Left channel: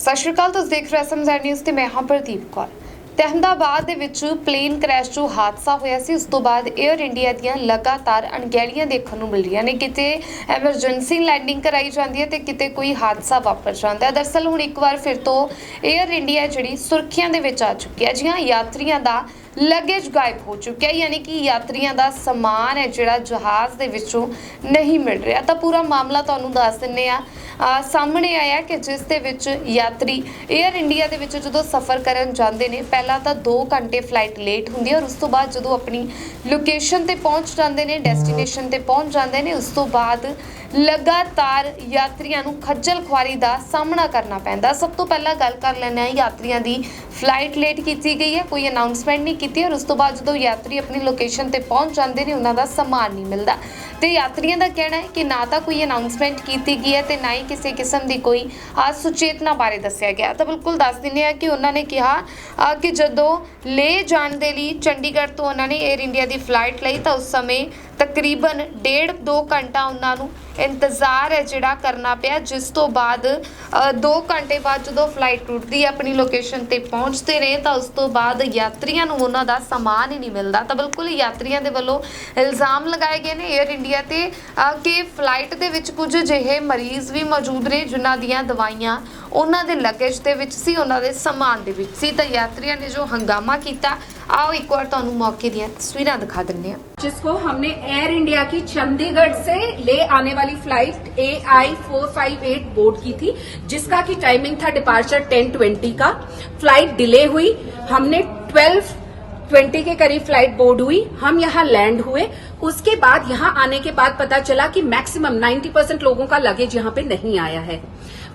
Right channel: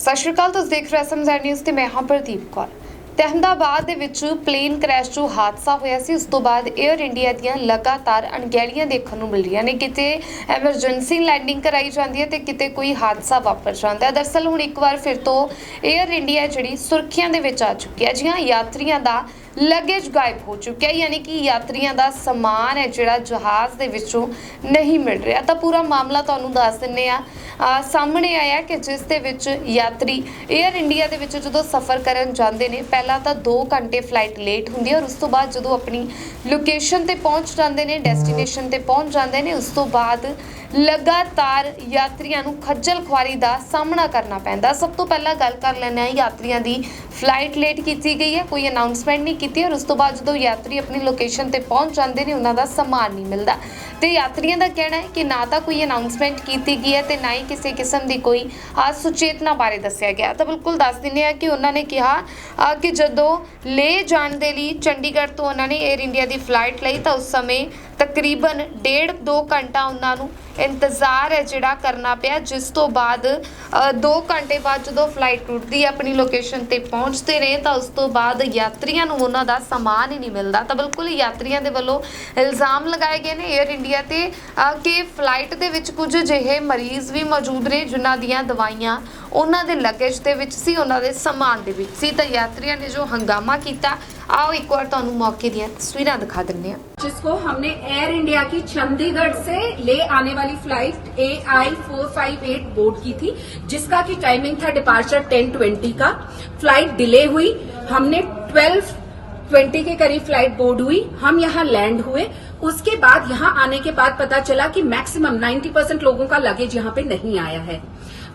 ਸਤਿ ਸ਼੍ਰੀ ਅਕਾਲ, ਤੁਸੀਂ ਦੇਖ ਰਹੇ ਸਮਝਾਰ ਨਿਊਜ਼ ਤੇ ਮੈਂ ਹਾਂ ਪ੍ਰਦੀਪ ਕੌਰ। ਅਹਿਮਦਾਬਾਦ ਦੇ ਵਿੱਚ ਪਲੇਨ ਕ੍ਰੈਸ਼ ਜੋ ਹਾਦਸਾ ਹੋਇਆ ਸੀ, ਉਸ ਤੋਂ ਬਾਅਦ 에ਅਰ ਇੰਡੀਆ ਦੀਆਂ ਲਗਾਤਾਰ ਅਣਗਹਿਲੀਆਂ ਦੇਖਣ ਨੂੰ ਮਿਲ ਰਹੀਆਂ ਨੇ। ਕਿਤੇ ਐਮਰਜੈਂਸੀ ਲੈਂਡਿੰਗ ਕਰਾਈ ਜਾਂਦੀ ਹੈ ਤੇ ਕਿਤੇ ਕੋਈ ਹਾਦਸਾ ਵਾਪਰ ਜਾਂਦਾ ਹੈ। ਦਰਅਸਲ ਹੁਣ ਇੱਕ ਵਾਰ ਫਿਰ ਤੋਂ 에ਅਰ ਇੰਡੀਆ ਜਿਹੜੀ ਸੁਰਖੀਆਂ ਦੇ ਵਿੱਚ ਆ ਚੁੱਕੀ ਹੈ। ਜੀ ਹਾਂ, ਯਾਤਰੀਆਂ ਦਾ लगेज गायब हो चुका है, यानी कि यात्रियों का समान है जिहड़ा जहाज़ दे विचों नहीं मिल रहा। तो पूरा मामला तुहानूं दस दिंदे आ। सामने आया कि जिस दे विच यात्री एयर इंडिया दे विच जदों सफ़र करन जांदे ने, पहला तो 2 घंटे फ्लाइट लेट हुंदी है और उस तो बाद जदों अपनी लोकेशन ते पहुंच जांदे ने, डेस्टिनेशन ते पहुंच जांदे ने, उस तो बाद लगातार यात्रियों नूं खज्जल खुआरी का सामना करना पैंदा। सब तो पहला गल कर लैंदे आ यात्रियों की फ्लाइट लेट की गई है, कोई अनाउंसमेंट नहीं की, और उस तो बाद जो यात्री अपनी लोकेशन ते पहुंच जाते हैं उन्हों का समान नहीं मिलता। तो यात्रियों का कहना है कि ना तो कोई अनाउंसमेंट की गई है, तो ना ही किसी किस्म की कोई सुचेतना बारे दसिया गया। तो बिल्कुल दस दिंदे आ कि उन्होंने कहा कि जदों ले जाने के लिए चंडीगढ़ तो उन्होंने एयर इंडिया की फ्लाइट ली, तो उस समय तकरीबन 1.5-2 घंटा उन्होंने इंतजार है जिहड़ा करना पिया, जिस तो बाद 2 घंटे बाद जो फ्लाइट टुटती है अपनी लोकेशन ते पहुँचते रहे, तो उस तो बाद यात्रियों को उन्हों का समान ही नहीं मिलता। तो बिल्कुल यात्रियों के वलों इल्जाम लगाए गए हैं एयर इंडिया ते कि फ्लाइट के विच कुछ अजिहे मरीज़ भी मौजूद ने जिन्हां दीयां दवाइयां उन्हां दे लगेज दे विच सी, उन्हां दे समान दे विच सी। तो यात्रियों ने जो हंगामा किया, आओ एक बार तुहानूं मौके दीयां तस्वीरां दिखा दिंदे हां। जिसको हमने एयर इंडिया की चंडीगढ़ से ले आने वाली फ्लाइट AI458 बोर्ड की थी, जिसका की टाइमिंग था डिपार्चर 10:20 का। फ्लाइट डिले हुई, हमने 12:20 के करीब फ्लाइट बोर्ड हुई, हम यहाँ लैंड हुए। उसके बाद यहाँ आने के बाद पता चला कि मैक्सिमम 90% लोगों का लगेज यहाँ पे नहीं आया है।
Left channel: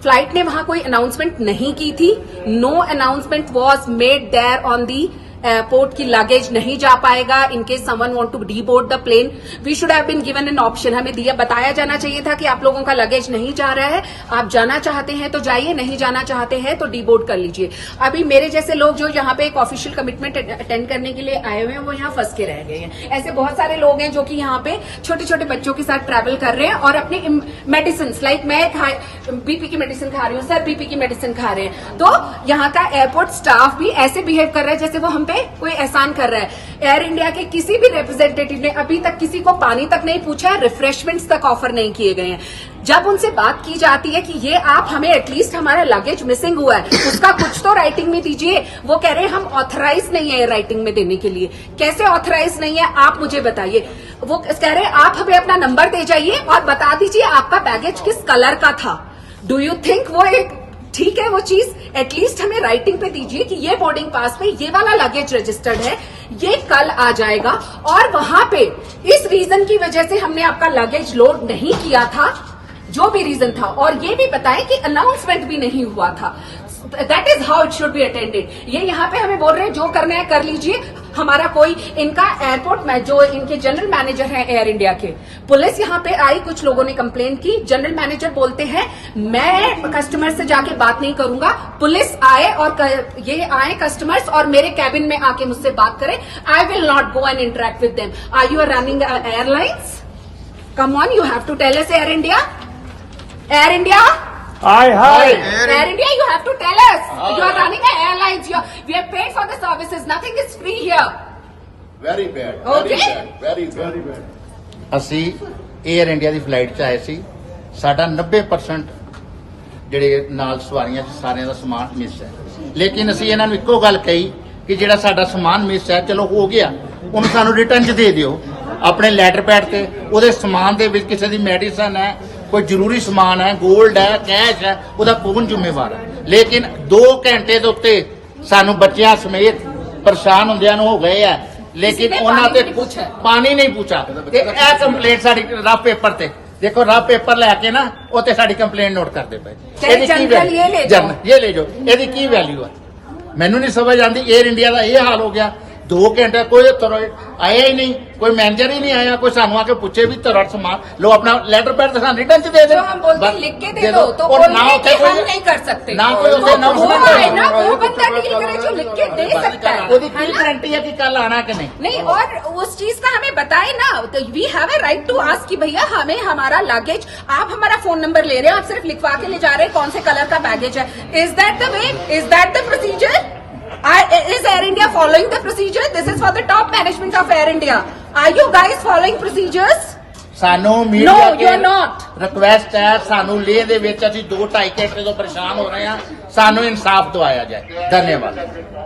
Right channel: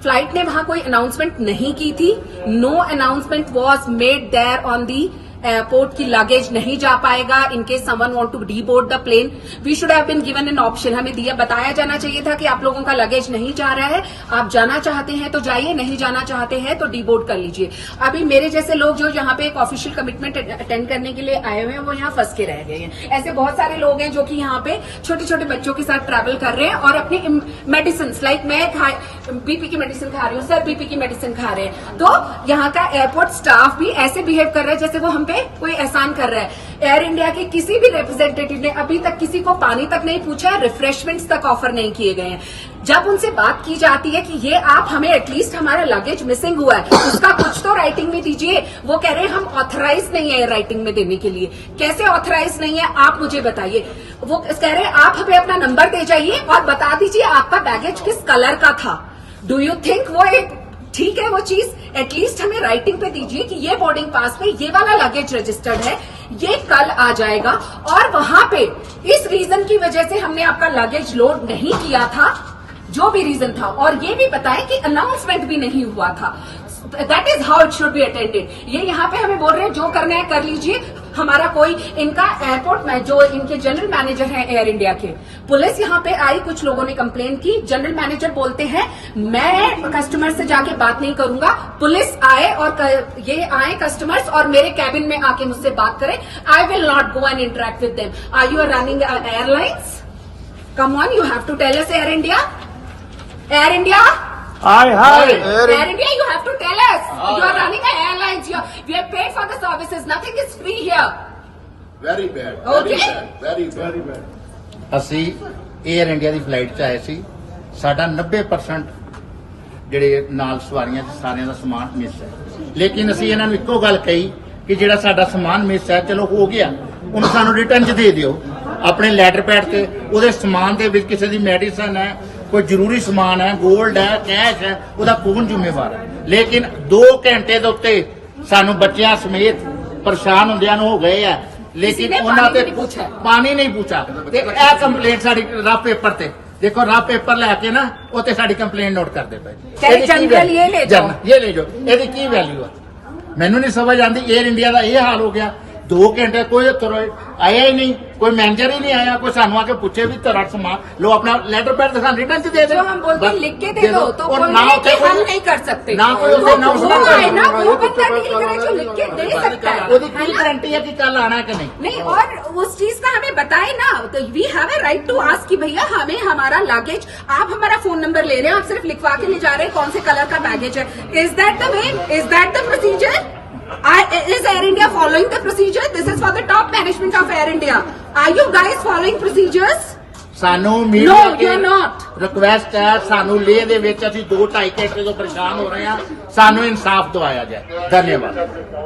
फ्लाइट ने वहां कोई अनाउंसमेंट नहीं की थी। No announcement was made there on the airport की लगेज नहीं जा पाएगा in case someone want to deboard the plane. We should have been given an option, हमें दिया बताया जाना चाहिए था कि आप लोगों का लगेज नहीं जा रहा है, आप जाना चाहते हैं तो जाइए, नहीं जाना चाहते हैं तो डी बोर्ड कर लीजिए। अभी मेरे जैसे लोग जो यहाँ पे एक ऑफिशियल कमिटमेंट अटेंड करने के लिए आए हुए हैं, वो यहाँ फंस के रह गए हैं। ऐसे बहुत सारे लोग हैं जो कि यहाँ पे छोटे छोटे बच्चों के साथ ट्रैवल कर रहे हैं और अपनी मेडिसिन, लाइक मैं बीपी की मेडिसिन खा रही हूँ, सर बीपी की मेडिसिन खा रहे हैं, तो यहाँ का एयरपोर्ट स्टाफ भी ऐसे बिहेव कर रहा है जैसे वो हम पे कोई एहसान कर रहा है। एयर इंडिया के किसी भी रिप्रेजेंटेटिव ने अभी तक किसी को पानी तक नहीं पूछा, रिफ्रेशमेंट्स तक ऑफर नहीं किए गए हैं। जब उनसे बात की जाती है कि ये आप हमें एटलीस्ट हमारा लगेज मिसिंग हुआ है उसका कुछ तो राइटिंग में दीजिए, वो कह रहे हैं हम ऑथराइज नहीं है राइटिंग में देने के लिए। कैसे ऑथराइज नहीं है आप मुझे बताइए। वो कह रहे हैं आप हमें अपना नंबर दे जाइए और बता दीजिए आपका बैगेज किस कलर का था। डू यू थिंक वो एक ठीक है वो चीज? एटलीस्ट हमें राइटिंग पे दीजिए कि ये बोर्डिंग पास पे ये वाला लगेज रजिस्टर्ड है, ये कल आ जाएगा, और वहां पे इस रीजन की वजह से हमने आपका लगेज लोड नहीं किया था, जो भी रीजन था, और ये भी बताएं कि अनाउंसमेंट भी नहीं हुआ था। That is how it should be attended. ये यहाँ पे हमें बोल रहे हैं जो करना है कर लीजिए, हमारा कोई इनका एयरपोर्ट में जो इनके जनरल मैनेजर हैं एयर इंडिया के, पुलिस यहाँ पे आई, कुछ लोगों ने कंप्लेन की, जनरल मैनेजर बोलते हैं मैं कस्टमर से जाके बात नहीं करूंगा, पुलिस आए और ये आए कस्टमर्स और मेरे कैबिन में आके मुझसे बात करें, I will not go and interact with them. Are you running airlines? Come on, you have to tell us. Air India, Air India, Air India, you have to tell us. You are running an airlines. We are paid for the services. Nothing is free here. Very bad. Okay. Very bad. ਅਸੀਂ air India ਦੀ flight 'ਚ ਆਏ ਸੀ। ਸਾਡਾ 90% ਜਿਹੜੇ ਨਾਲ ਸਵਾਰੀਆਂ ਸੀ ਸਾਰਿਆਂ ਦਾ ਸਮਾਨ miss ਹੈ, ਲੇਕਿਨ ਅਸੀਂ ਇਹਨਾਂ ਨੂੰ ਇੱਕੋ ਗੱਲ ਕਹੀ ਕਿ ਜਿਹੜਾ ਸਾਡਾ ਸਮਾਨ ਮਿਸ ਹੈ ਚਲੋ ਹੋ ਗਿਆ, ਉਹਨੂੰ ਸਾਨੂੰ ਰਿਟਰਨ 'ਚ ਦੇ ਦਿਓ ਆਪਣੇ ਲੈਟਰ ਪੈਡ ਤੇ। ਉਹਦੇ ਸਮਾਨ ਦੇ ਵਿੱਚ ਕਿਸੇ ਦੀ ਮੈਡੀਸਨ ਹੈ, कोई जरूरी समान है, गोल्ड है, कैश है, ਉਹਦਾ ਕੌਣ ਜ਼ਿੰਮੇਵਾਰ ਹੈ? ਲੇਕਿਨ 2 ਘੰਟੇ ਦੇ ਉੱਤੇ ਸਾਨੂੰ ਬੱਚਿਆਂ ਸਮੇਤ ਪਰੇਸ਼ਾਨ ਹੁੰਦਿਆਂ ਨੂੰ ਹੋ ਗਏ ਆ, ਲੇਕਿਨ ਉਹਨਾਂ ਤੇ ਪਾਣੀ ਨਹੀਂ ਪੁੱਛਾ। ਤੇ ਇਹ ਕੰਪਲੇਂਟ ਸਾਡੀ ਰਫ ਪੇਪਰ ਤੇ ਦੇਖੋ, ਰਫ ਪੇਪਰ ਲੈ ਕੇ ਨਾ ਉੱਤੇ ਸਾਡੀ ਕੰਪਲੇਂਟ ਨੋਟ ਕਰਦੇ ਪਏ। ਇਹ ਲੈ ਜਾਓ, ਇਹਦੀ ਕੀ ਵੈਲਿਊ ਆ? ਮੈਨੂੰ ਨਹੀਂ ਸਮਝ ਆਉਂਦੀ। 에ਅਰ ਇੰਡੀਆ ਦਾ ਇਹ ਹਾਲ ਹੋ ਗਿਆ 2 ਘੰਟੇ ਕੋਈ ਆਇਆ ਹੀ ਨਹੀਂ, ਕੋਈ ਮੈਨੇਜਰ ਹੀ नहीं आया, कोई सानू आके पूछे भी तेरा समान लो, अपना लेटर पैड दिखा रिटर्न च दे दे। जो हम बोलते हैं लिख के दे दो, तो और बोल ना रहे हैं होते कि हम नहीं कर सकते, ना कोई होते, ना वो उसमें आए ना, वो वो बंदा तो डील करे जो लिख के दे सकता है। ਉਹਦੀ ਕੀ गारंटी है कि कल आना कि नहीं? नहीं, और उस चीज का हमें बताए ना, तो we have a right to ask कि भैया हमें हमारा लगेज, आप हमारा फोन नंबर ले रहे हैं और सिर्फ लिखवा के ले जा रहे हैं कौन से कलर का बैगेज है। Is that the way? Is that the procedure? Is Air India following the procedure? This is for the top management of Air India. Are you guys following procedures? ਸਾਨੂੰ No, media you're not. Request ਹੈ, ਸਾਨੂੰ ਲੇਹ ਦੇ ਵਿੱਚ ਅਸੀਂ 2-2.5 ਘੰਟੇ ਤੋਂ ਪਰੇਸ਼ਾਨ ਹੋ ਰਹੇ ਹਾਂ, ਸਾਨੂੰ ਇਨਸਾਫ ਦਿਵਾਇਆ ਜਾਏ। ਧੰਨਵਾਦ।